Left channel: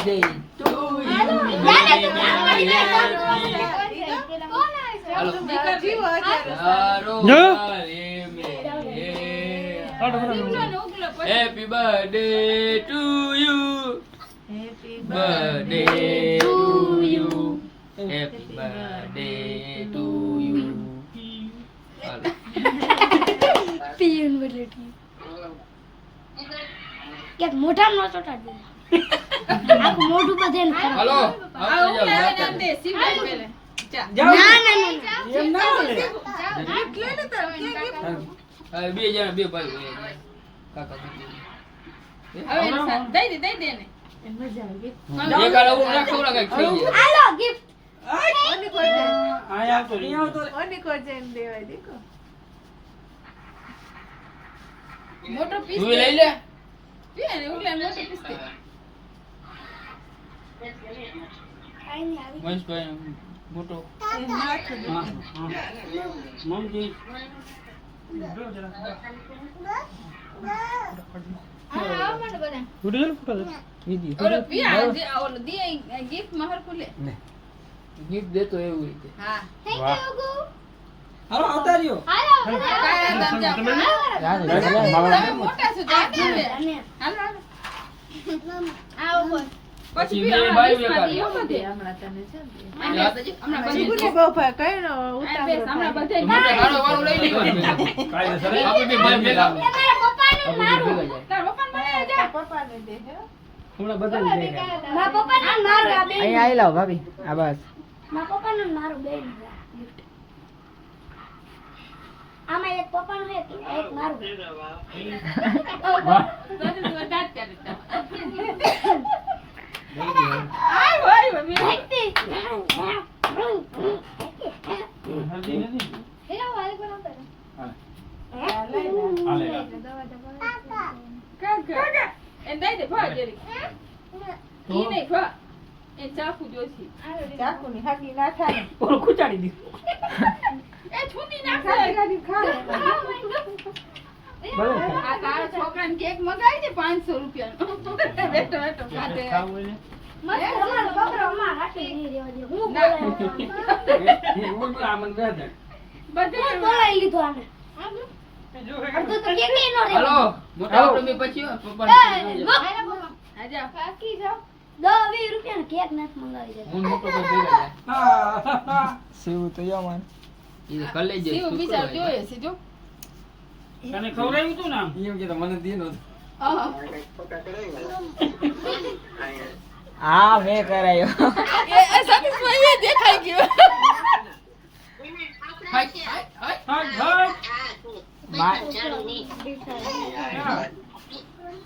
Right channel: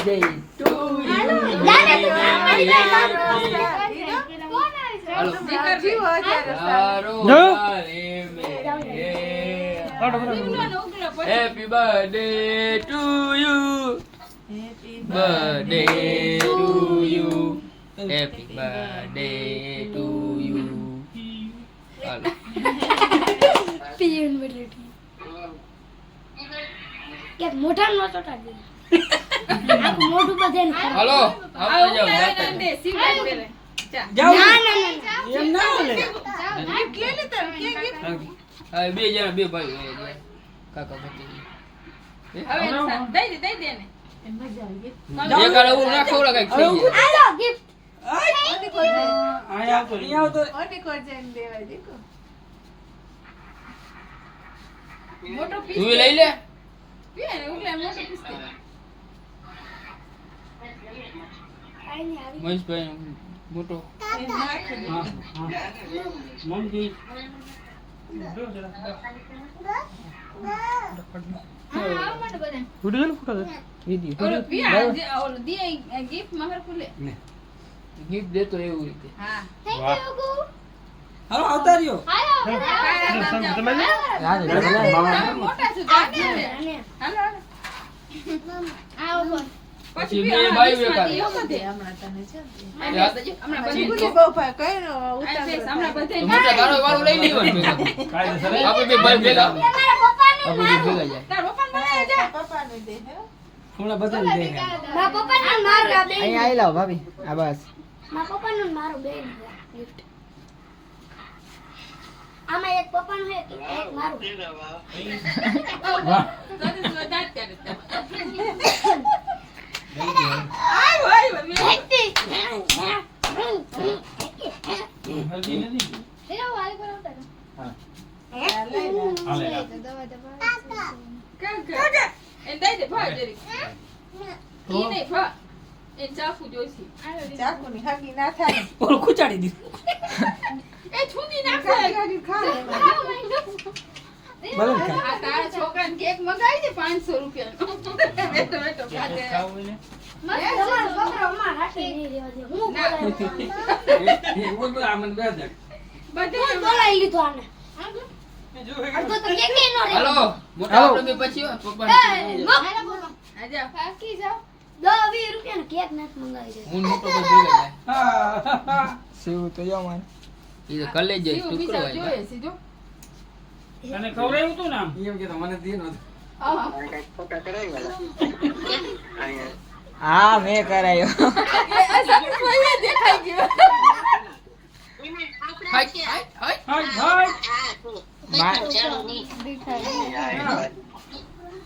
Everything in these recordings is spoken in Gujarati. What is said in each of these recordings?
birthday to you. Hello Happy birthday to you. Happy birthday to you. Happy birthday to you. Hello pin birthday કે મોઢા નો ચોટા દે આખું મોઢું બધે હાલો આવતા જાવ ના ના એમ ના લે હા બે જણા બે ભાઈ હોય કાકા કાકી દઈ દે ને એમ મજા આવી એક આડે એવું ના ખવડા કઈક થઈ જાય હાલો ગિફ્ટ આયા તો નહીં આવતો ઓડી કો જઈને દેવા દેખો મોટો પીસ તું લઈ લે પીએ ને ઉલે મોટો પીસ દે આઈ ને આવી મહેશભાઈ મોટો એ નાખ દે હા મમ્મી જો જરા હા મને બધા વિડિયો ફોટો વિડિયો ઓલો પીયા જે ઓલો દે ગિફ્ટ મહર કુલે ગિફ્ટ દેતો એવું રીતે હા થેન્ક વાહ. યુ ગુ હાલો આવતા રહ્યો હાલો મોટા છે હાલો આવો બોલ પછી બે ભાઈઓ એકાદ હમણાં તને છે યાદ છે હમણાં ચીકુની પછી બહુ ફાય કઈ નો હમણાં બધા મોટા ગાળો વાળો લઈ લેવાનું કાયદેસર આપણે બે ભાઈ ભેગા મારા પપ્પાને આપણે બે ભેગા જાય તાર પપ્પા મને જા પપ્પાને દે હે થોડા બધા દે મારા પપ્પાને મારું આ બે અહીંયા આવી લાવ ભાભી આ બસ મારા પપ્પાનું ને મારું બે ગિફ્ટ આમાં એક પપ્પાનું છે એક મારું દાદી તું દાદ કરે હલ્દી નથી એ દઈ દે ભા જરી ઈ નહીં ભા એ ચાકુ જોઈશે ચાકુની હગી ના થાય ઓલું ખુચાડી દીધું એ છુની નાખે ભલે આ તારા છોકરાને કેક મંગાવી દે 500 રૂપિયાનો બેઠો બેઠો ખાતે ખાવું હોય મસ્ત અમારો બકરો અમાર હાથે નહીં રહેવા દે હું ના. ને હું તો આમન બે દે બધે બોલાઈ લીધું આને જો અડધો તો કેક નહીં નો હાલો મોટા આપણે બે પછી પપ્પા આજા કાકી જાવ 10-20 રૂપિયાનો કેક નથી મંગાવી દે હું મોટો તો ભેગા જાય હા શિવ તો જો મને એ કલે જાય જીવ શું બીજા કરવા જોઈએ છે જો અને ખવડાવ્યું તું ને આમ એમ કે મને દે નો હા મેં કરાયો એ સતીશભાઈ દેખાઈ ગયો હાય હાય હાય હા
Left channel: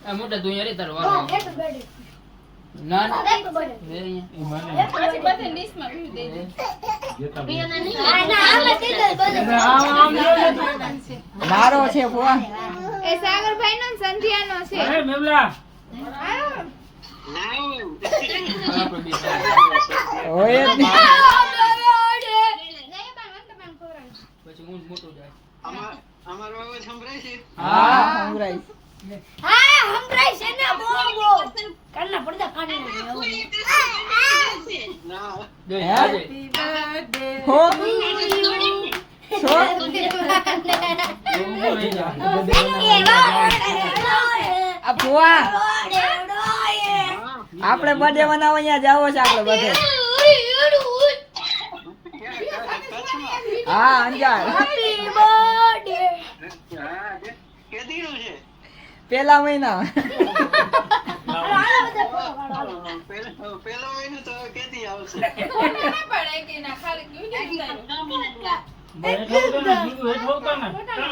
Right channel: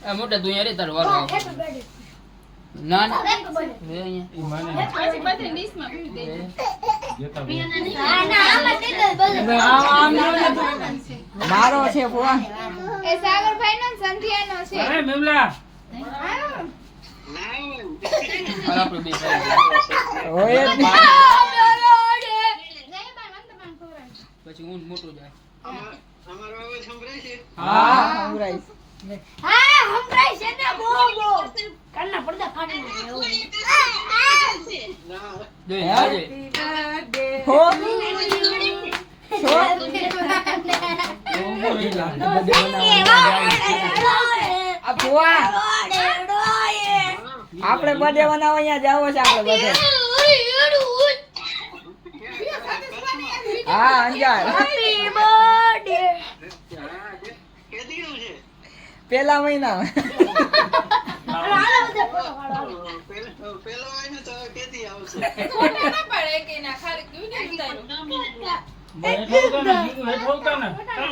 આ મોટા તું યાર તાર વાળો હેપી બર્થડે ના ના હેપી બર્થડે એ અહીંયા પછી બધે લિસ્ટમાં ભરી દેજો ના ના આમાં દે દે મારો છે ફોન એ સાગરભાઈ નો સંધ્યાનો છે અરે મેમલા આપણે બે હોય જ નહીં. પછી હું મોટો જાય હા સંભળાય. હા હમરાઈ છે ને બો કાનના પડદા ફાડી જય હે? જય હો આ ફોન આપણે બર્થડે મનાવવા અહીંયા જાવો છે આપણે બધે હા અંજાર પેલા મહિના પડે કે ના ખાલી ક્યું નહીં હેઠ હોતા ને ચાલો